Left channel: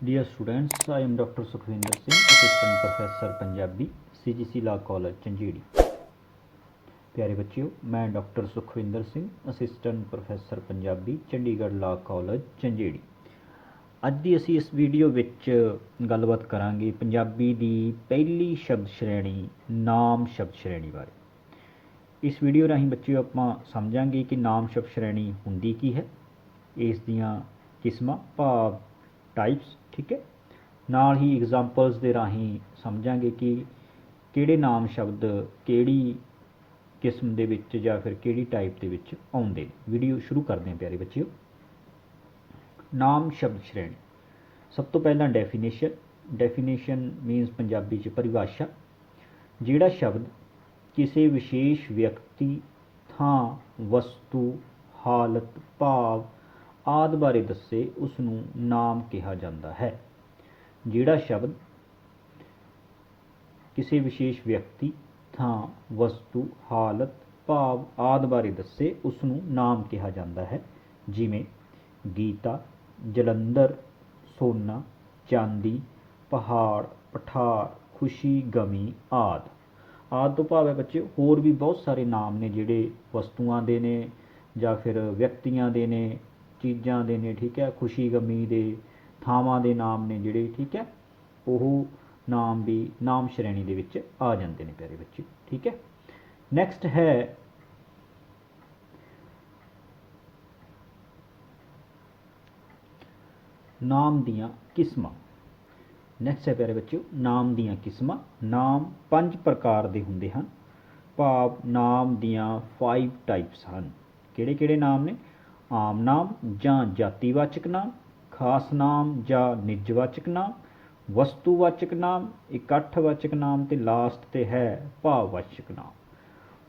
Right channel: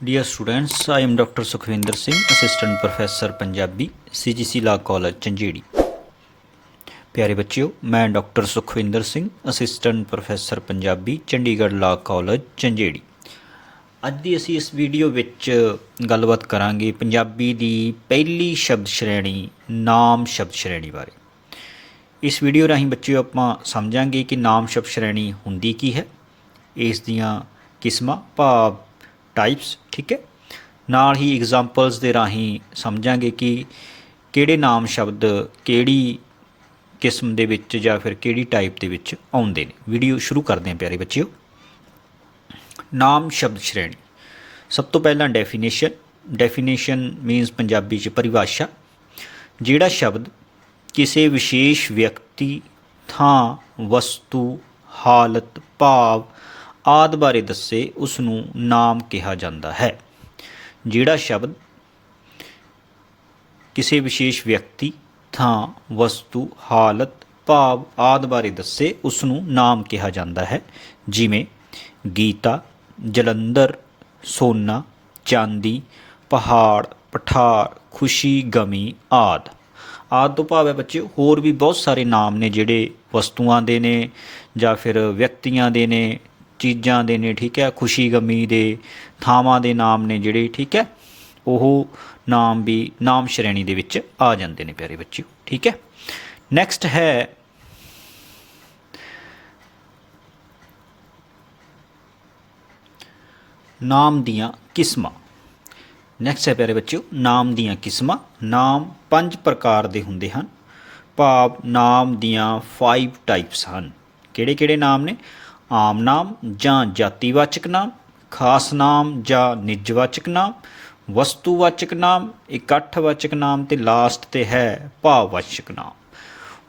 Dear students, I am Dr. Sukhvinder Singh, Assistant Professor Punjabi, CGC Law College, Chanjeri ਪਿਆਰੇ ਬੱਚਿਓ ਮੈਂ doctor Sukhwinder Singh assistant professor Punjabi Chandigarh law college Chanjeri ਅੱਜ ਦੀ ਅਸੀਂ ਇਸ video ਵਿੱਚ ਗੱਲਬਾਤ ਕਰਾਂਗੇ ਪੰਜਾਬੀ ਦੀ ਪਹਿਲੀ ਸ਼ਬਦ ਸ਼੍ਰੇਣੀ ਨਾਮ ਸ਼ਬਦ ਸ਼੍ਰੇਣੀ ਬਾਰੇ ਇਸ ਵੀਡੀਓ ਰਾਹੀਂ ਬੱਚਿਓ ਆਪਾਂ ਸਮਝਾਂਗੇ ਕਿ ਨਾਮ ਸ਼ਬਦ ਸ਼੍ਰੇਣੀ ਹੁੰਦੀ ਕੀ ਹੈ ਇਸ ਦੀਆਂ ਕਿਸਮਾਂ ਭਾਵ ਟਾਈਪਸ ਠੀਕ ਹੈ? ਨਾਲ ਹੀ ਐਗਜ਼ਾਮਪਲਸ ਦੇ ਰਾਹੀਂ ਸਮਝਾਂਗੇ ਕਿ ਕਿਹੜੇ ਨਾਮ ਸ਼ਬਦ ਕਿਹੜੀ ਕਿਸਮ ਦੇ ਵਿੱਚ ਜਾਂ ਫਿਰ ਕਿਹੜੀ ਟਾਈਪ ਦੇ ਵਿੱਚ ਆਉਂਦੇ ਨੇ। ਵੀਡੀਓ ਸ਼ੁਰੂ ਕਰਦੇ ਹਾਂ ਪਿਆਰੇ ਬੱਚਿਓ। ਨਾਮ ਸ਼ਬਦ ਸ਼੍ਰੇਣੀ। ਸਭ ਤੋਂ ਪਹਿਲਾਂ ਡੈਫੀਨੇਸ਼ਨ ਡੈਫੀਨੇਸ਼ਨ ਮੀਨਸ ਪੰਜਾਬੀ ਚ ਪਰਿਭਾਸ਼ਾ। ਜਿਹੜਾ ਸ਼ਬਦ ਕਿਸੇ ਵਿਸ਼ੇਸ਼ ਵਿਅਕਤੀ, ਥਾਂ, ਵਸਤੂ, ਹਾਲਤ, ਭਾਵ ਆਦਿ ਬਾਰੇ ਦੱਸੇ ਉਸ ਨੂੰ ਨਾਮ ਕਿਹਾ ਜਾਂਦਾ ਹੈ। ਜਿਹੜਾ ਸ਼ਬਦ ਕਿਸੇ ਵਿਸ਼ੇਸ਼ ਵਿਅਕਤੀ, ਥਾਂ, ਵਸਤੂ, ਹਾਲਤ, ਭਾਵ ਆਦਿ ਬਾਰੇ ਦੱਸੇ ਉਸ ਨੂੰ ਨਾਮ ਕਿਹਾ ਜਾਂਦਾ ਹੈ। ਜਿਵੇਂ ਗੀਤਾ, ਜਲੰਧਰ, ਸੋਨਾ, ਚਾਂਦੀ, ਪਹਾੜ, ਪਠਾਰ, ਖੁਸ਼ੀ, ਗਮੀ ਆਦ। ਆਦ ਤੋਂ ਭਾਵ ਹੈ ਬੱਚੇ, ਹੋਰ ਵੀ ਬਹੁਤ ਸਾਰੇ ਨਾਮ ਨੇ ਜਿਹੜੇ ਵਸਤੂਆਂ ਦੇ ਨੇ ਜਾਂ ਫਿਰ ਵਿਅਕਤੀਆਂ ਦੇ ਨੇ। ਚੀਜ਼ਾਂ ਦੇ ਨੇ, ਠੀਕ ਹੈ? ਖੁਸ਼ੀ ਗਮੀ ਦੇ ਥਾਵਾਂ ਦੇ ਨਾਮ ਨੇ ਜਿਹੜੇ, ਠੀਕ ਹੈ? ਉਹ ਨਾਮ ਵੀ ਨਾਮ ਸ਼੍ਰੇਣੀ ਦੇ ਵਿੱਚ ਆ ਜਾਂਦੇ ਨੇ ਪਿਆਰੇ ਬੱਚਿਓ, ਠੀਕ ਹੈ? ਨੈਕਸਟ ਹੈ ਨਾਮ ਦੀਆਂ ਕਿਸਮਾਂ। ਨੈਕਸਟ ਹੈ ਪਿਆਰੇ ਬੱਚਿਓ, ਨਾਮ ਦੀਆਂ ਕਿਸਮਾਂ। ਨਾਮ ਪੰਜ ਪ੍ਰਕਾਰ ਦੇ ਹੁੰਦੇ ਹਨ। ਭਾਵ ਨਾਮ ਦੀਆਂ 5 ਟਾਈਪਸ ਹਨ। ਕਿਹੜੇ ਕਿਹੜੇ ਨਾਮ ਨੇ? ਆਮ ਨਾਮ ਜਾਂ ਜਾਤੀਵਾਚਕ ਨਾਮ, ਖਾਸ ਨਾਮ ਜਾਂ ਨਿਜਵਾਚਕ ਨਾਮ, ਵਸਤੂਵਾਚਕ ਨਾਮ, ਇਕੱਠਵਾਚਕ ਨਾਮ ਤੇ ਲਾਸਟ ਤੇ ਹੈ ਭਾਵਵਾਚਕ ਨਾਮ।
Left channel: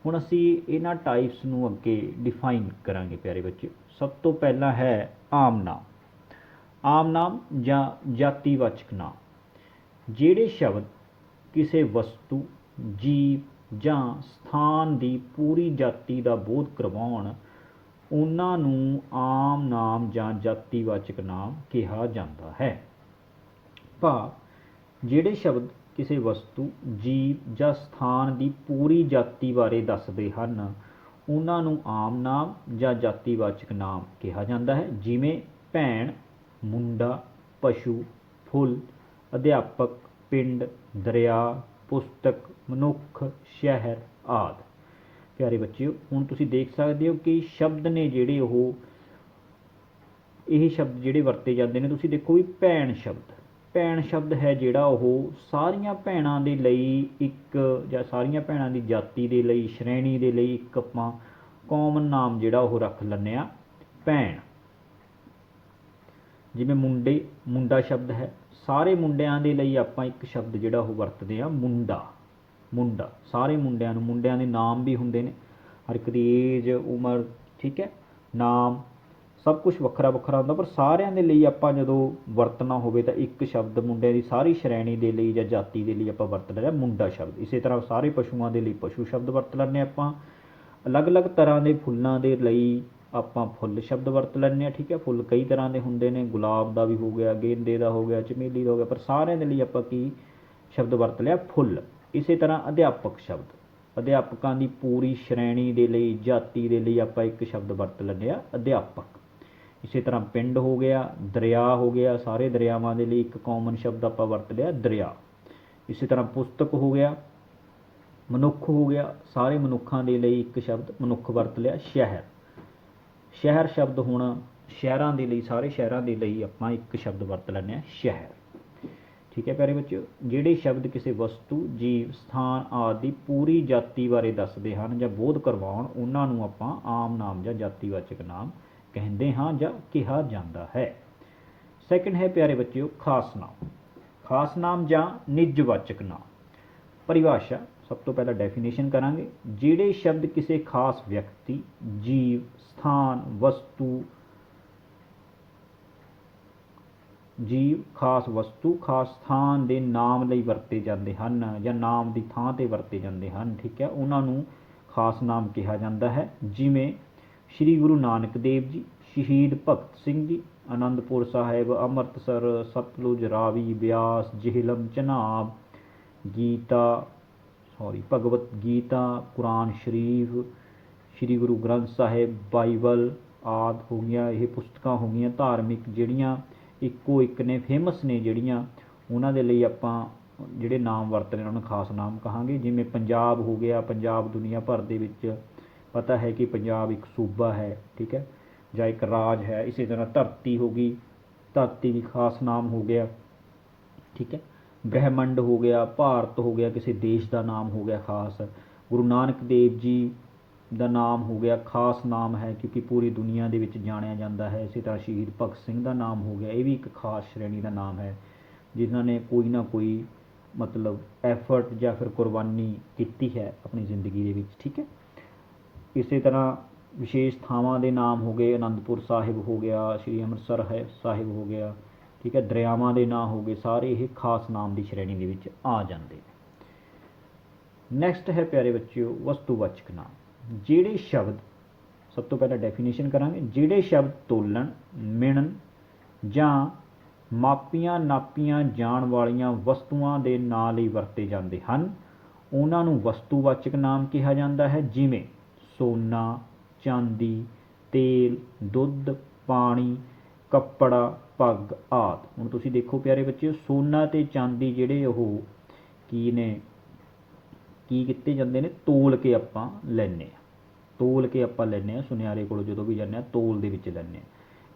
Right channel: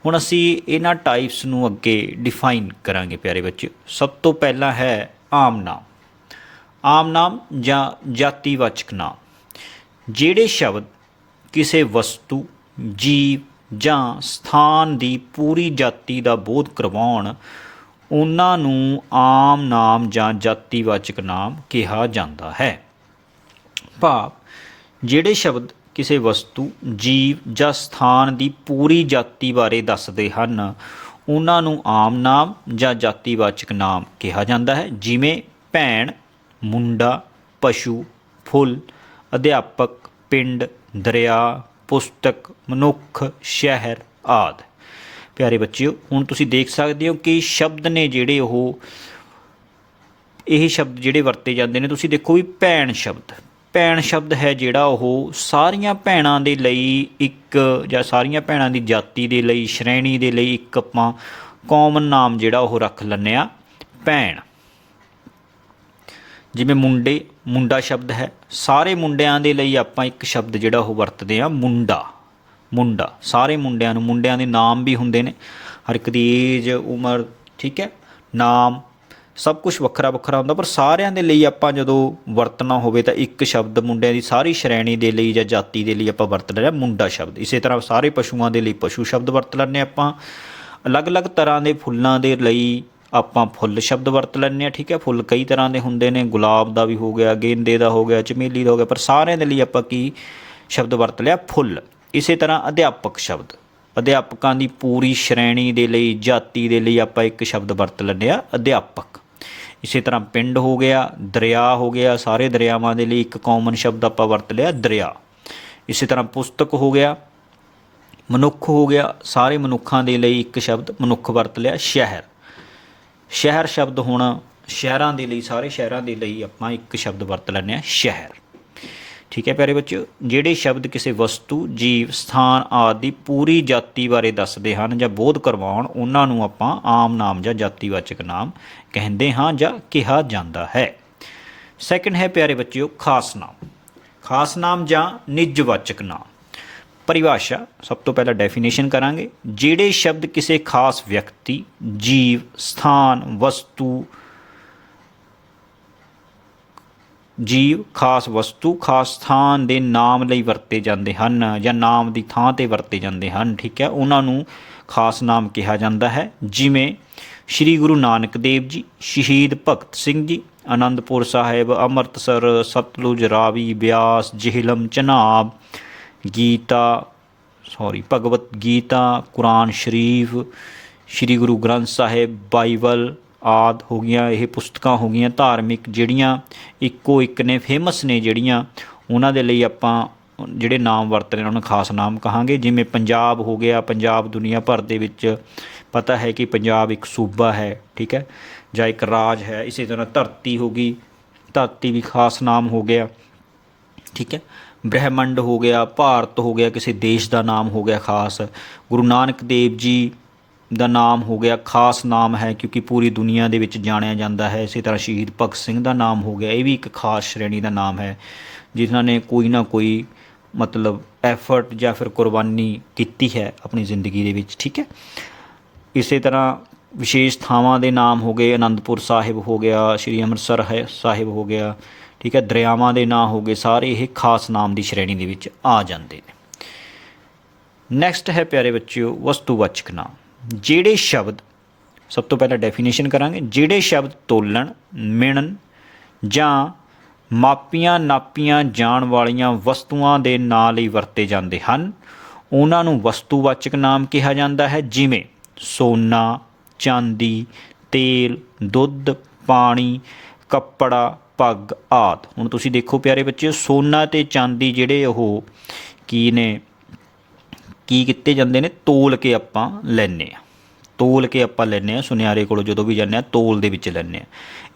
ਹੁਣ ਅਸੀਂ ਇਹਨਾਂ ਟਾਈਪਸ ਨੂੰ ਅੱਗੇ ਡਿਫਾਈਨ ਕਰਾਂਗੇ ਪਿਆਰੇ ਬੱਚਿਓ। ਸਭ ਤੋਂ ਪਹਿਲਾਂ ਹੈ ਆਮ ਨਾਮ। ਆਮ ਨਾਮ ਜਾਂ ਜਾਤੀਵਾਚਕ ਨਾਮ। ਜਿਹੜੇ ਸ਼ਬਦ ਕਿਸੇ ਵਸਤੂ, ਜੀਵ ਜਾਂ ਸਥਾਨ ਦੀ ਪੂਰੀ ਜਾਤੀ ਦਾ ਬੋਧ ਕਰਵਾਉਣ ਉਹਨਾਂ ਨੂੰ ਆਮ ਨਾਮ ਜਾਂ ਜਾਤੀਵਾਚਕ ਨਾਮ ਕਿਹਾ ਜਾਂਦਾ ਹੈ। ਭਾਵ, ਜਿਹੜੇ ਸ਼ਬਦ ਕਿਸੇ ਵਸਤੂ, ਜੀਵ ਜਾਂ ਸਥਾਨ ਦੀ ਪੂਰੀ ਜਾਤੀ ਬਾਰੇ ਦੱਸਦੇ ਹਨ, ਉਹਨਾਂ ਨੂੰ ਆਮ ਨਾਮ ਜਾਂ ਜਾਤੀਵਾਚਕ ਨਾਮ ਕਿਹਾ ਜਾਂਦਾ ਹੈ। ਜਿਵੇਂ ਭੈਣ, ਮੁੰਡਾ, ਪਸ਼ੂ, ਫੁੱਲ, ਅਧਿਆਪਕ, ਪਿੰਡ, ਦਰਿਆ, ਪੁਸਤਕ, ਮਨੁੱਖ, ਸ਼ਹਿਰ ਆਦਿ। ਪਿਆਰੇ ਬੱਚਿਓ, ਹੁਣ ਤੁਸੀਂ ਦੇਖ ਸਕਦੇ ਹੋ ਕਿ ਸ਼ਬਦ ਨੇ ਜਿਹੜੇ ਉਹ, ਇਹ ਸ਼ਬਦ ਜਿਹੜੇ ਵਰਤੇ ਜਾਂਦੇ ਨੇ, ਤੁਸੀਂ ਦੇਖੋ ਵੀ ਭੈਣ ਸ਼ਬਦ। ਭੈਣ ਸ਼ਬਦ ਹੈ ਜਿਹੜਾ ਉਹ ਸਾਰੀਆਂ ਭੈਣਾਂ ਦੇ ਲਈ ਇੱਕ, ਜਾਂ ਸਾਰੀਆਂ ਭੈਣਾਂ ਦੀ ਜਾਤੀ ਦੇ ਲਈ, ਸ਼੍ਰੇਣੀ ਦੇ ਲਈ ਇੱਕ ਆਪਾਂ ਕਾਮਨ ਨਾਮ ਜਿਹੜਾ ਉਹ ਰੱਖ ਲੈਂਦੇ ਆ ਭੈਣ। ਜਿਵੇਂ ਮੁੰਡੇ, ਮੁੰਡਾ ਸ਼ਬਦ ਹੈ। ਸਾਰੇ ਮੁੰਡਿਆਂ ਦੇ ਲਈ ਆਪਾਂ ਇੱਕ ਸ਼ਬਦ ਜਿਹੜਾ ਉਹ ਵਰਤਦੇ ਆ ਮੁੰਡਾ। ਮੁੰਡਾ, ਸਾਰੇ ਮੁੰਡਿਆਂ ਨੂੰ, ਮੁੰਡਿਆਂ ਦੇ ਨਾਮ ਵੀ ਹੁੰਦੇ ਨੇ। ਹਰ ਇੱਕ ਦੀ ਏਜ ਉਮਰ, ਠੀਕ ਹੈ? ਨਾਮ, ਸਭ ਕੁਝ ਵੱਖਰਾ ਵੱਖਰਾ ਹੁੰਦਾ, ਪਰ ਸਾਰਿਆਂ ਦੇ ਲਈ ਆਪਾਂ ਜਦੋਂ ਵਰਤਣਾ ਹੋਵੇ ਤਾਂ ਇੱਕ ਸ਼ਬਦ ਮੁੰਡਿਆਂ ਦੀ ਸਾਰੀ ਸ਼੍ਰੇਣੀ ਦੇ ਲਈ ਜਾਂ ਜਾਤੀ ਦੇ ਲਈ ਆਪਾਂ ਵਰਤ ਲਿਆ ਮੁੰਡਾ ਸ਼ਬਦ। ਇਸੇ ਤਰ੍ਹਾਂ ਸਾਰੇ ਪਸ਼ੂਆਂ ਦੇ ਲਈ ਪਸ਼ੂ ਸ਼ਬਦ ਵਰਤ ਲੈਂਦੇ ਆਪਾਂ। ਅਲੱਗ-ਅਲੱਗ ਤਰ੍ਹਾਂ ਦੇ ਫੁੱਲਾਂ ਦੇ ਲਈ ਆਪਾਂ ਫੁੱਲ ਸ਼ਬਦ ਵਰਤ ਲੈਂਦੇ ਆ ਠੀਕ ਹੈ? ਫੁੱਲ ਕਈ ਤਰ੍ਹਾਂ ਦੇ ਹੁੰਦੇ ਨੇ, ਗੁਲਾਬ ਦਾ ਵੀ ਹੋ ਗਿਆ, ਗੇਂਦੇ ਦਾ ਹੋ ਗਿਆ, ਚਮੇਲੀ ਦਾ ਹੋ ਗਿਆ, ਪਰ ਸਾਰਿਆਂ ਦੇ ਲਈ ਆਪਾਂ ਕੀ ਸ਼ਬਦ ਵਰਤ ਲਿਆ? ਫੁੱਲ। ਇਸੇ ਤਰ੍ਹਾਂ ਅਧਿਆਪਕ ਸ਼ਬਦ। ਅਧਿਆਪਕਾਂ ਦੀ ਪੂਰੀ ਸ਼੍ਰੇਣੀ ਦੇ ਲਈ, ਜਾਤੀ ਦੇ ਲਈ ਆਪਾਂ ਇੱਕ ਸ਼ਬਦ ਵਰਤ ਲੈਂਦੇ ਆ ਅਧਿਆਪਕ। ਇਸੇ ਤਰ੍ਹਾਂ ਪਿੰਡ ਹੋ ਗਿਆ, ਦਰਿਆ ਹੋ ਗਿਆ, ਸਾਰੇ ਦਰਿਆਵਾਂ ਦੇ ਲਈ ਇੱਕ ਕਾਮਨ ਸ਼ਬਦ ਆਪਾਂ ਵਰਤ ਲਿਆ, ਦਰਿਆ। ਇਸੇ ਤਰ੍ਹਾਂ ਪੁਸਤਕ ਹੋ ਗਿਆ, ਮਨੁੱਖ ਹੋ ਗਿਆ, ਸਾਰੇ ਮਨੁੱਖਾਂ ਦੇ ਲਈ ਇੱਕ ਸ਼ਬਦ ਮਨੁੱਖ ਵਰਤ ਲਿਆ, ਸ਼ਹਿਰ। ਸ਼ਹਿਰ ਸ਼ਬਦ ਹੋਣਾ, ਸ਼ਹਿਰਾਂ ਦੇ ਲਈ, ਸਾਰੇ ਸ਼ਹਿਰਾਂ ਦੇ ਲਈ ਆਪਾਂ ਇੱਕ ਸ਼ਬਦ ਵਰਤ ਲੈਂਦੇ ਆ ਸ਼ਹਿਰ। ਠੀਕ ਹੈ ਪਿਆਰੇ ਬੱਚਿਓ? ਜਿਹੜੇ ਸ਼ਬਦ ਕਿਸੇ ਵਸਤੂ, ਜੀਵ, ਸਥਾਨ ਆਦਿ ਦੀ ਪੂਰੀ ਜਾਤੀ ਬਾਰੇ ਦੱਸਦੇ ਹਨ ਜਾਂ ਬੋਧ ਕਰਵਾਉਣ, ਉਹਨਾਂ ਨੂੰ ਆਪਾਂ ਆਮ ਨਾਮ ਜਾਂ ਜਾਤੀਵਾਚਕ ਨਾਮ ਕਹਿੰਦੇ ਹਾਂ ਜਾਂ ਕਿਹਾ ਜਾਂਦਾ ਹੈ। ਸੈਕੰਡ ਹੈ ਪਿਆਰੇ ਬੱਚਿਓ, ਖਾਸ ਨਾਮ। ਖਾਸ ਨਾਮ ਜਾਂ ਨਿਜਵਾਚਕ ਨਾਮ। ਪਰਿਭਾਸ਼ਾ, ਸਭ ਤੋਂ ਪਹਿਲਾਂ ਡੈਫੀਨੇਸ਼ਨ ਕਰਾਂਗੇ। ਜਿਹੜੇ ਸ਼ਬਦ ਕਿਸੇ ਖਾਸ ਵਿਅਕਤੀ, ਜੀਵ, ਸਥਾਨ, ਵਸਤੂ ਜੀਵ ਖਾਸ ਵਸਤੂ, ਖਾਸ ਸਥਾਨ ਦੇ ਨਾਮ ਲਈ ਵਰਤੇ ਜਾਂਦੇ ਹਨ ਜਾਂ ਨਾਮ ਦੀ ਥਾਂ ਤੇ ਵਰਤੇ ਜਾਂਦੇ ਹਨ, ਠੀਕ ਹੈ। ਉਹਨਾਂ ਨੂੰ ਖਾਸ ਨਾਮ ਕਿਹਾ ਜਾਂਦਾ ਹੈ। ਜਿਵੇਂ ਸ੍ਰੀ ਗੁਰੂ ਨਾਨਕ ਦੇਵ ਜੀ, ਸ਼ਹੀਦ ਭਗਤ ਸਿੰਘ ਜੀ ਆਨੰਦਪੁਰ ਸਾਹਿਬ, ਅੰਮ੍ਰਿਤਸਰ, ਸਤਲੁਜ ਰਾਵੀ, ਬਿਆਸ, ਜਿਹਲਮ, ਚਨਾਬ, ਗੀਤਾ ਸੌਰੀ ਭਗਵਤ ਗੀਤਾ, ਕੁਰਾਨ ਸ਼ਰੀਫ, ਸ੍ਰੀ ਗੁਰੂ ਗ੍ਰੰਥ ਸਾਹਿਬ, ਬਾਈਬਲ ਆਦ ਹੋ ਗਈਆਂ, ਇਹ ਪੁਸਤਕਾਂ ਹੋ ਗਈਆਂ ਧਾਰਮਿਕ, ਜਿਹੜੀਆਂ ਇੱਕੋ ਇੱਕ ਨੇ ਫੇਮਸ ਨੇ ਜਿਹੜੀਆਂ, ਉਹਨਾਂ ਦੇ ਲਈ ਆਪਾਂ ਜਿਹੜੇ ਨਾਮ ਵਰਤ ਰਹੇ ਉਹਨਾਂ ਨੂੰ ਖਾਸ ਨਾਮ ਕਹਾਂਗੇ। ਜਿਵੇਂ ਪੰਜਾਬ ਹੋ ਗਿਆ, ਪੰਜਾਬ ਦੁਨੀਆ ਭਰ ਦੇ ਵਿੱਚ ਪਤਾ ਹੈ ਕਿ ਪੰਜਾਬ ਇੱਕ ਸੂਬਾ ਹੈ, ਠੀਕ ਹੈ? ਜਾਂ ਇੱਕ ਰਾਜ ਹੈ, ਇਸੇ ਤਰ੍ਹਾਂ ਧਰਤੀ ਹੋ ਗਈ, ਧਰਤੀ ਵੀ ਖਾਸ ਨਾਮ ਹੋ ਗਿਆ, ਠੀਕ ਹੈ? ਬ੍ਰਹਿਮੰਡ ਹੋ ਗਿਆ, ਭਾਰਤ ਹੋ ਗਿਆ, ਕਿਸੇ ਦੇਸ਼ ਦਾ ਨਾਮ ਹੋ ਗਿਆ ਖਾਸ। ਗੁਰੂ ਨਾਨਕ ਦੇਵ ਜੀ ਦਾ ਨਾਮ ਹੋ ਗਿਆ, ਖਾਸ ਨਾਮ ਹੈ ਕਿਉਂਕਿ ਪੂਰੀ ਦੁਨੀਆ ਦੇ ਵਿੱਚ ਜਾਣਿਆ ਜਾਂਦਾ ਹੈ। ਇਸੇ ਤਰ੍ਹਾਂ ਸ਼ਹੀਦ ਭਗਤ ਸਿੰਘ ਦਾ ਨਾਮ ਹੋ ਗਿਆ, ਇਹ ਵੀ ਇੱਕ ਖਾਸ ਸ਼੍ਰੇਣੀ ਦਾ ਨਾਮ ਹੈ, ਜਿਨ੍ਹਾਂ ਨੇ ਕੋਈ ਨਾ ਕੋਈ ਮਤਲਬ ਐਫਰਟ ਜਾਂ ਫਿਰ ਕੁਰਬਾਨੀ ਕੀਤੀ ਹੈ ਆਪਣੀ ਜ਼ਿੰਦਗੀ ਦੇ ਵਿੱਚ, ਠੀਕ ਹੈ? ਇਸੇ ਤਰ੍ਹਾਂ ਵਿਸ਼ੇਸ਼ ਥਾਵਾਂ ਦੇ ਨਾਮ ਹੋ ਗਏ, ਅਨੰਦਪੁਰ ਸਾਹਿਬ ਹੋ ਗਿਆ, ਸ਼੍ਰੀ ਅੰਮ੍ਰਿਤਸਰ ਹੈ ਸਾਹਿਬ ਹੋ ਗਿਆ, ਠੀਕ ਹੈ? ਦਰਿਆਵਾਂ ਦੇ ਨਾਂ ਹੋ ਗਏ, ਸਾਰੇ ਇਹ ਖਾਸ ਨਾਮ ਦੀ ਸ਼੍ਰੇਣੀ ਦੇ ਵਿੱਚ ਆ ਜਾਂਦੇ ਨੇ। ਨੈਕਸਟ ਹੈ ਪਿਆਰੇ ਬੱਚਿਓ, ਵਸਤੂਵਾਚਕ ਨਾਮ। ਜਿਹੜੇ ਸ਼ਬਦ ਸਭ ਤੋਂ ਪਹਿਲਾਂ ਡੈਫੀਨੇਸ਼ਨ ਕਰਾਂਗੇ, ਜਿਹੜੇ ਸ਼ਬਦ ਤੋਲਣ, ਮਿਣਨ ਜਾਂ ਮਾਪੀਆਂ ਨਾਪੀਆਂ ਜਾਣ ਵਾਲੀਆਂ ਵਸਤੂਆਂ ਦੇ ਨਾਂ ਲਈ ਵਰਤੇ ਜਾਂਦੇ ਹਨ, ਉਹਨਾਂ ਨੂੰ ਵਸਤੂਵਾਚਕ ਨਾਮ ਕਿਹਾ ਜਾਂਦਾ ਹੈ, ਜਿਵੇਂ ਸੋਨਾ, ਚਾਂਦੀ, ਤੇਲ, ਦੁੱਧ, ਪਾਣੀ, ਕੱਪੜਾ, ਪੱਗ ਆਦਿ। ਹੁਣ ਤੁਸੀਂ ਦੇਖੋ ਪਿਆਰੇ ਬੱਚੇ ਸੋਨਾ ਤੇ ਚਾਂਦੀ ਜਿਹੜੇ ਉਹ ਕੀ ਨੇ? ਕੀ ਕੀਤੇ ਜਾਂਦੇ ਨੇ? ਤੋਲ ਕੇ ਆਪਾਂ ਲੈਨੇ ਆ ਤੋਲ ਕੇ ਆਪਾਂ ਲੈਨੇ ਆ ਸੁਨਿਆਰੇ ਕੋਲੋਂ ਜਦੋਂ ਵੀ ਜਾਂਦੇ ਆ ਤੋਲ ਦੇ ਵਿੱਚ ਲੈਨੇ ਆ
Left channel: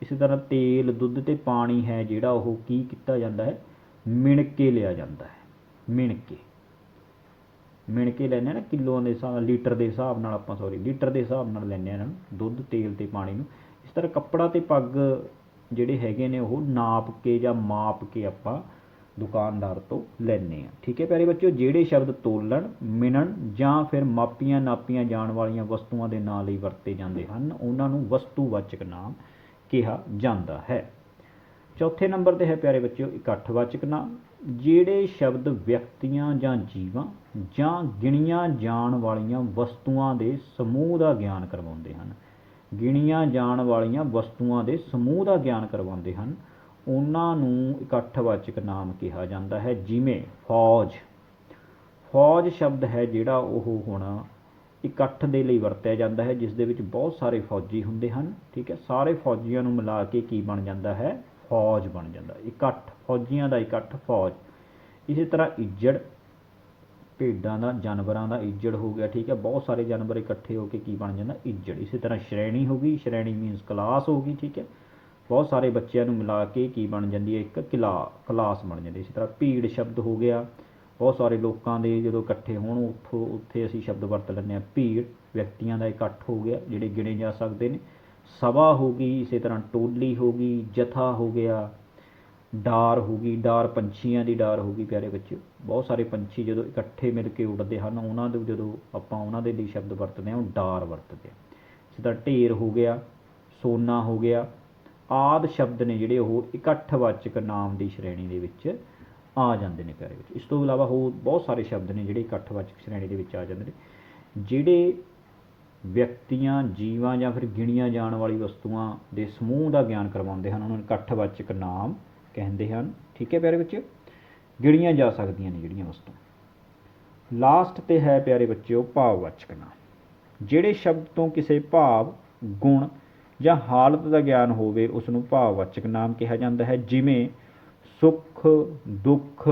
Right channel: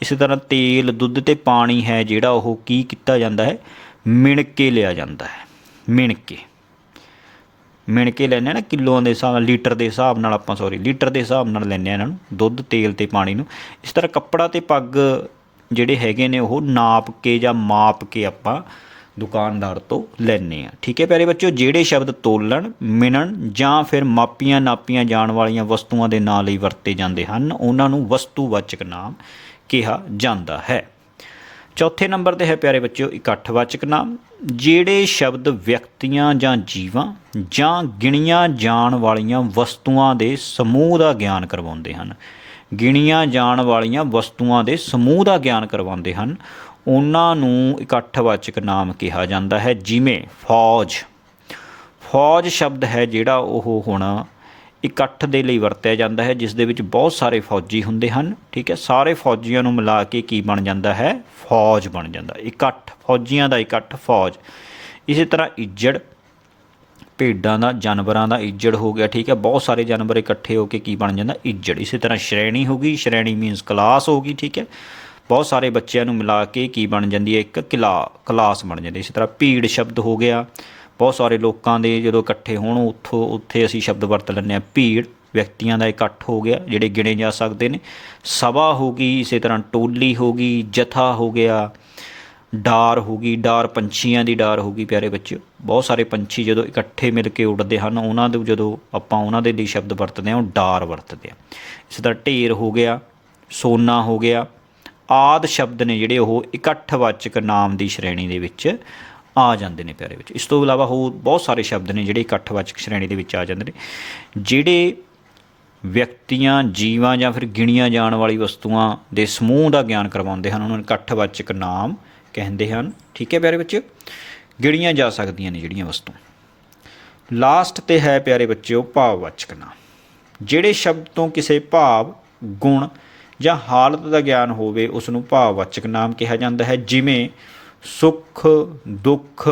ਇਸੇ ਤਰ੍ਹਾਂ ਤੇਲ, ਦੁੱਧ ਤੇ ਪਾਣੀ ਹੈ ਜਿਹੜਾ ਉਹ ਕੀ ਕੀਤਾ ਜਾਂਦਾ ਹੈ? ਮਿਣ ਕੇ ਲਿਆ ਜਾਂਦਾ ਹੈ। ਮਿਣ ਕੇ। ਮਿਣ ਕੇ ਲੈਨੇ ਆ ਨਾ ਕਿਲੋਆਂ ਦੇ ਹਿਸਾਬ ਲੀਟਰ ਦੇ ਹਿਸਾਬ ਨਾਲ ਆਪਾਂ ਸੌਰੀ ਲੀਟਰ ਦੇ ਹਿਸਾਬ ਨਾਲ ਲੈਨੇ ਆ ਇਹਨਾਂ ਨੂੰ, ਦੁੱਧ, ਤੇਲ ਤੇ ਪਾਣੀ ਨੂੰ। ਇਸ ਤਰ੍ਹਾਂ ਕੱਪੜਾ ਤੇ ਪੱਗ ਜਿਹੜੇ ਹੈਗੇ ਨੇ ਉਹ ਨਾਪ ਕੇ ਜਾਂ ਮਾਪ ਕੇ ਆਪਾਂ ਦੁਕਾਨਦਾਰ ਤੋਂ ਲੈਨੇ ਆ ਠੀਕ ਹੈ ਪਿਆਰੇ ਬੱਚਿਓ, ਜਿਹੜੇ ਸ਼ਬਦ ਤੋਲਣ, ਮਿਣਨ ਜਾਂ ਫਿਰ ਮਾਪੀਆਂ ਨਾਪੀਆਂ ਜਾਣ ਵਾਲੀਆਂ ਵਸਤੂਆਂ ਦੇ ਨਾਂ ਲਈ ਵਰਤੇ ਜਾਂਦੇ ਹਨ, ਉਹਨਾਂ ਨੂੰ ਵਸਤੂਵਾਚਕ ਨਾਮ ਕਿਹਾ ਜਾਂਦਾ ਹੈ। ਚੌਥੇ ਨੰਬਰ ਤੇ ਹੈ ਪਿਆਰੇ ਬੱਚਿਓ, ਇਕੱਠਵਾਚਕ ਨਾਮ। ਜਿਹੜੇ ਸ਼ਬਦ ਵਿਅਕਤੀਆਂ ਜਾਂ ਜੀਵਾਂ ਜਾਂ ਗਿਣੀਆਂ ਜਾਣ ਵਾਲੀਆਂ ਵਸਤੂਆਂ ਦੇ ਸਮੂਹ ਦਾ ਗਿਆਨ ਕਰਵਾਉਂਦੇ ਹਨ। ਗਿਣੀਆਂ ਜਾਣ ਵਾਲੀਆਂ ਵਸਤੂਆਂ ਦੇ ਸਮੂਹ ਦਾ ਗਿਆਨ ਕਰਵਾਉਂਦੇ ਹਨ। ਉਹਨਾਂ ਨੂੰ ਇਕੱਠਵਾਚਕ ਨਾਮ ਕਿਹਾ ਜਾਂਦਾ ਹੈ, ਜਿਵੇਂ ਫੌਜ। ਫੌਜ ਸ਼ਬਦ ਹੈ ਜਿਹੜਾ ਉਹ ਹੁਣ ਇਕੱਠ ਦੇ ਲਈ ਵਰਤਿਆ ਜਾਂਦਾ ਹੈ, ਜਿਸ ਦੇ ਵਿੱਚ ਬਹੁਤ ਸਾਰੇ ਫੌਜੀ ਹੁੰਦੇ ਹਨ, ਠੀਕ ਹੈ? ਸਾਰੇ ਫੌਜੀਆਂ ਨੂੰ ਮਿਲਾ ਕੇ ਕੀ ਬਣ ਜਾਂਦਾ ਹੈ? ਫੌਜ ਬਣ ਜਾਂਦਾ, ਇਕੱਠ। ਫੌਜੀਆਂ ਦਾ ਇਕੱਠ ਫੌਜ। ਇਸੇ ਤਰ੍ਹਾਂ ਇੱਜੜ, ਭੇਡਾਂ ਦਾ, ਜਾਨਵਰਾਂ ਦਾ ਇੱਜੜ ਹੋ ਗਿਆ, ਠੀਕ ਹੈ? ਬਹੁਤ ਸਾਰੇ ਜਾਨਵਰ ਇਕੱਠੇ ਹੋ ਕੇ ਕੀ ਬਣ ਜਾਂਦਾ? ਇੱਜੜ। ਇਸੇ ਤਰ੍ਹਾਂ ਸ਼੍ਰੇਣੀ ਹੋ ਗਈ। ਸ਼੍ਰੇਣੀ ਮੀਨਸ ਕਲਾਸ ਹੋ ਗਈ, ਠੀਕ ਹੈ? ਬਹੁਤ ਸਾਰੇ ਬੱਚਿਆਂ ਨੂੰ ਮਿਲਾ ਕੇ ਕੀ ਬਣ ਜਾਂਦੀ ਹੈ, ਇੱਕ ਕਿਲਾ, ਕਲਾਸ ਬਣ ਜਾਂਦੀ ਹੈ। ਇਸੇ ਤਰ੍ਹਾਂ ਭੀੜ ਸ਼ਬਦ ਹੋ ਗਿਆ। ਬਹੁਤ ਸਾਰੇ ਲੋਕਾਂ ਦੇ ਜਦੋਂ ਇਕੱਠੇ ਹੋਣ, ਉੱਥੋਂ, ਉੱਥੇ ਅਸੀਂ ਸ਼ਬਦ ਵਰਤ ਲੈਂਦੇ ਹਾਂ। ਭੀੜ ਵਿਅਕਤੀਆਂ ਦਾ ਇਕੱਠ ਹੋ ਗਿਆ, ਜਿਹੜੇ ਗਿਣੇ ਜਾ ਸਕਦੇ ਨੇ। ਸਭਾ ਹੋ ਗਈ, ਇਸੇ ਤਰ੍ਹਾਂ ਟੋਲੀ ਹੋ ਗਈ, ਜਥਾ ਹੋ ਗਿਆ, ਡਾਰ ਹੋ ਗਈ, ਡਾਰ ਪੰਛੀਆਂ ਦੀ ਡਾਰ ਹੋ ਗਈ, ਪਿਆਰੇ ਬੱਚਿਓ। ਬਹੁਤ ਸਾਰੇ ਪੰਛੀ ਜਦੋਂ ਇਕੱਠੇ ਮਿਲ ਕੇ ਉੱਡਦੇ ਹਨ, ਉਹਨਾਂ ਦੇ ਜਦੋਂ ਆਪਾਂ ਉਹਨਾਂ ਦੇ ਲਈ ਸ਼ਬਦ ਵਰਤਦੇ ਹਾਂ, ਉਹ ਡਾਰ ਵਰਤਦੇ ਆ ਇਸੇ ਤਰ੍ਹਾਂ ਢੇਰ ਹੋ ਗਿਆ, ਸੋਨਾ ਹੋ ਗਿਆ ਆਦ ਸ਼ਬਦ ਨੇ ਜਿਹੜੇ ਉਹ ਇਕੱਠਵਾਚਕ ਨਾਮ ਦੀ ਸ਼੍ਰੇਣੀ ਦੇ ਵਿੱਚ ਆ ਜਾਂਦੇ ਨੇ ਪਿਆਰੇ ਵਿੱਚ। ਇਸ ਤੋਂ ਇਲਾਵਾ ਹੋਰ ਬਹੁਤ ਸਾਰੇ ਸ਼ਬਦ ਨੇ ਜਿਹੜੇ ਇਕੱਠਵਾਚਕ ਸ਼੍ਰੇਣੀ ਦੇ ਵਿੱਚ ਆ ਜਾਂਦੇ ਨੇ। ਜਿਹੜੇ ਵਿਅਕਤੀਆਂ, ਜੀਵਾਂ ਜਾਂ ਫਿਰ ਗਿਣੀਆਂ ਜਾਣ ਵਾਲੀ ਵਸਤੂਆਂ ਦੇ ਸਮੂਹ ਦਾ ਗਿਆਨ ਕਰਵਾਉਂਦੇ ਹਨ, ਉਹਨਾਂ ਨੂੰ ਇਕੱਠਵਾਚਕ ਨਾਮ ਕਹਿੰਦੇ ਹਨ। ਠੀਕ ਹੈ ਪਿਆਰੇ ਬੱਚਿਓ ਗਿਣੀਆਂ ਜਾ ਸਕਦੀਆਂ ਨੇ ਜਿਹੜੀਆਂ ਵਸਤੂ ਲਾਸਟ ਤੇ ਹੈ ਪਿਆਰੇ ਬੱਚਿਓ ਭਾਵਵਾਚਕ ਨਾਮ। ਜਿਹੜੇ ਸ਼ਬਦ ਤੋਂ ਕਿਸੇ ਭਾਵ, ਗੁਣ ਜਾਂ ਹਾਲਤ ਦਾ ਗਿਆਨ ਹੋਵੇ ਉਸ ਨੂੰ ਭਾਵਵਾਚਕ ਨਾਮ ਕਿਹਾ ਜਾਂਦਾ ਹੈ, ਜਿਵੇਂ ਸੁੱਖ, ਦੁੱਖ,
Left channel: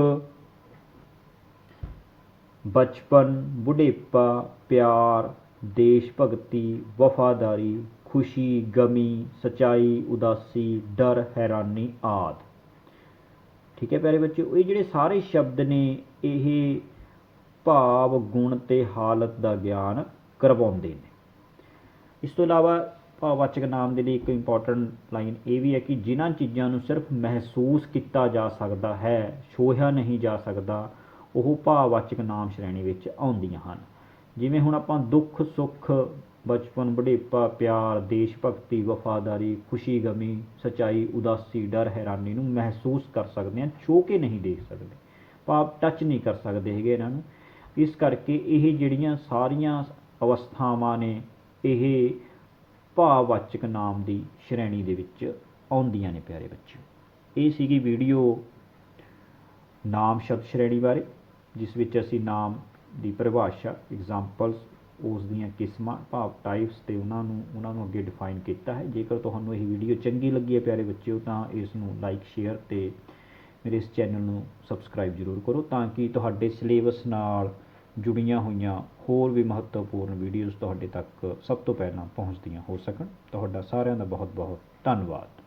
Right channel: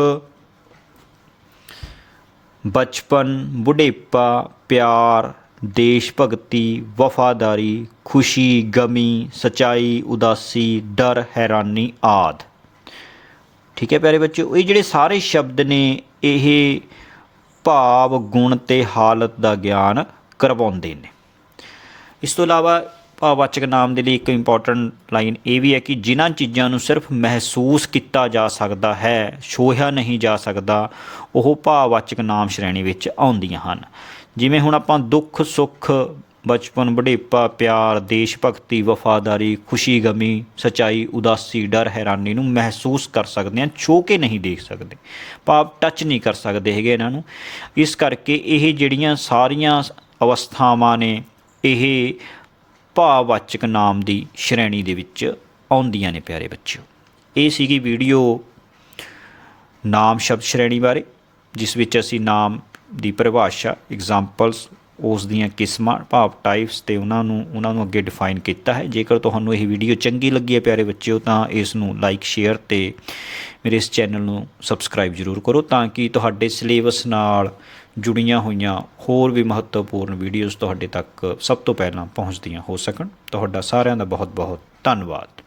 ਬਚਪਨ, ਬੁਢੇਪਾ, ਪਿਆਰ, ਦੇਸ਼ ਭਗਤੀ, ਵਫਾਦਾਰੀ, ਖੁਸ਼ੀ, ਗਮੀ, ਸਚਾਈ, ਉਦਾਸੀ, ਡਰ, ਹੈਰਾਨੀ ਆਦ। ਠੀਕ ਹੈ ਪਿਆਰੇ ਬੱਚਿਓ, ਇਹ ਜਿਹੜੇ ਸਾਰੇ ਸ਼ਬਦ ਨੇ, ਇਹ ਭਾਵ, ਗੁਣ ਤੇ ਹਾਲਤ ਦਾ ਗਿਆਨ ਕਰਵਾਉਂਦੇ ਨੇ। ਇਸ ਤੋਂ ਇਲਾਵਾ ਭਾਵਵਾਚਕ ਨਾਮ ਦੇ ਲਈ ਇੱਕ ਇੰਪੋਰਟੈਂਟ ਲਾਈਨ ਇਹ ਵੀ ਹੈ ਕਿ ਜਿਨ੍ਹਾਂ ਚੀਜ਼ਾਂ ਨੂੰ ਸਿਰਫ ਮਹਿਸੂਸ ਕੀਤਾ ਜਾ ਸਕਦਾ ਹੈ, ਛੋਹਿਆ ਨਹੀਂ ਜਾ ਸਕਦਾ, ਉਹ ਭਾਵਵਾਚਕ ਨਾਮ ਸ਼੍ਰੇਣੀ ਵਿੱਚ ਆਉਂਦੀਆਂ ਹਨ। ਜਿਵੇਂ ਹੁਣ ਆਪਾਂ ਦੁੱਖ, ਸੁੱਖ, ਬਚਪਨ ਬੁਢੇਪਾ ਪਿਆਰ, ਦੇਸ਼ ਭਗਤੀ, ਵਫਾਦਾਰੀ, ਖੁਸ਼ੀ, ਗਮੀ, ਸਚਾਈ, ਉਦਾਸੀ, ਡਰ, ਹੈਰਾਨੀ ਨੂੰ ਮਹਿਸੂਸ ਕਰ ਸਕਦੇ ਹਾਂ ਛੋ ਕੇ ਨਹੀਂ ਦੇਖ ਸਕਦੇ। ਭਾਵ ਟੱਚ ਨਹੀਂ ਕਰ ਸਕਦੇ ਹੈਗੇ ਇਹਨਾਂ ਨੂੰ। ਇਸ ਕਰਕੇ ਇਹ ਜਿਹੜੀਆਂ ਸਾਰੀਆਂ ਅਵਸਥਾਵਾਂ ਨੇ, ਇਹ ਭਾਵਵਾਚਕ ਨਾਮ ਦੀ ਸ਼੍ਰੇਣੀ ਦੇ ਵਿੱਚ ਆਉਂਦੀਆਂ ਨੇ ਪਿਆਰੇ ਬੱਚਿਓ। ਇਹ ਸੀਗੀ ਵੀਡੀਓ ਨਾਮ ਸ਼ਬਦ ਸ਼੍ਰੇਣੀ ਬਾਰੇ, ਜਿਸ ਵਿੱਚ ਅਸੀਂ ਨਾਮ ਦੀ ਪਰਿਭਾਸ਼ਾ ਐਗਜ਼ਾਮਪਲਸ ਉਸ ਦੀਆਂ ਕਿਸਮਾਂ, ਭਾਵ ਟਾਈਪਸ ਤੇ ਉਹਨਾਂ ਨੂੰ ਉਹਨਾਂ ਨੂੰ ਅੱਗੇ ਡਿਫਾਈਨ ਕੀਤਾ ਹੈ। ਜੇਕਰ ਤੁਹਾਨੂੰ ਇਹ ਵੀਡੀਓ ਚੰਗੀ ਲੱਗੀ ਹੈ ਪਿਆਰੇ ਬੱਚਿਓ, ਤਾਂ ਇਸ ਨੂੰ ਲਾਈਕ ਸ਼ੇਅਰ ਤੇ ਮੇਰੇ ਇਸ ਚੈਨਲ ਨੂੰ ਸਬਸਕ੍ਰਾਈਬ ਜ਼ਰੂਰ ਕਰੋ, ਤਾਂ ਕਿ ਤੁਹਾਡੇ ਸਿਲੇਬਸ ਨਾਲ ਜੁੜੀਆਂ ਹੋਈਆਂ ਹੋਰ ਵੀ ਮਹੱਤਵਪੂਰਨ ਵੀਡੀਓਜ਼ ਤੁਹਾਡੇ ਤੱਕ ਸਭ ਤੋਂ ਪਹਿਲਾਂ ਪਹੁੰਚਦੀਆਂ ਹੋ ਸਕਣ। ਤੁਹਾਡਾ ਸਾਰਿਆਂ ਦਾ ਬਹੁਤ ਬਹੁਤ ਧੰਨਵਾਦ।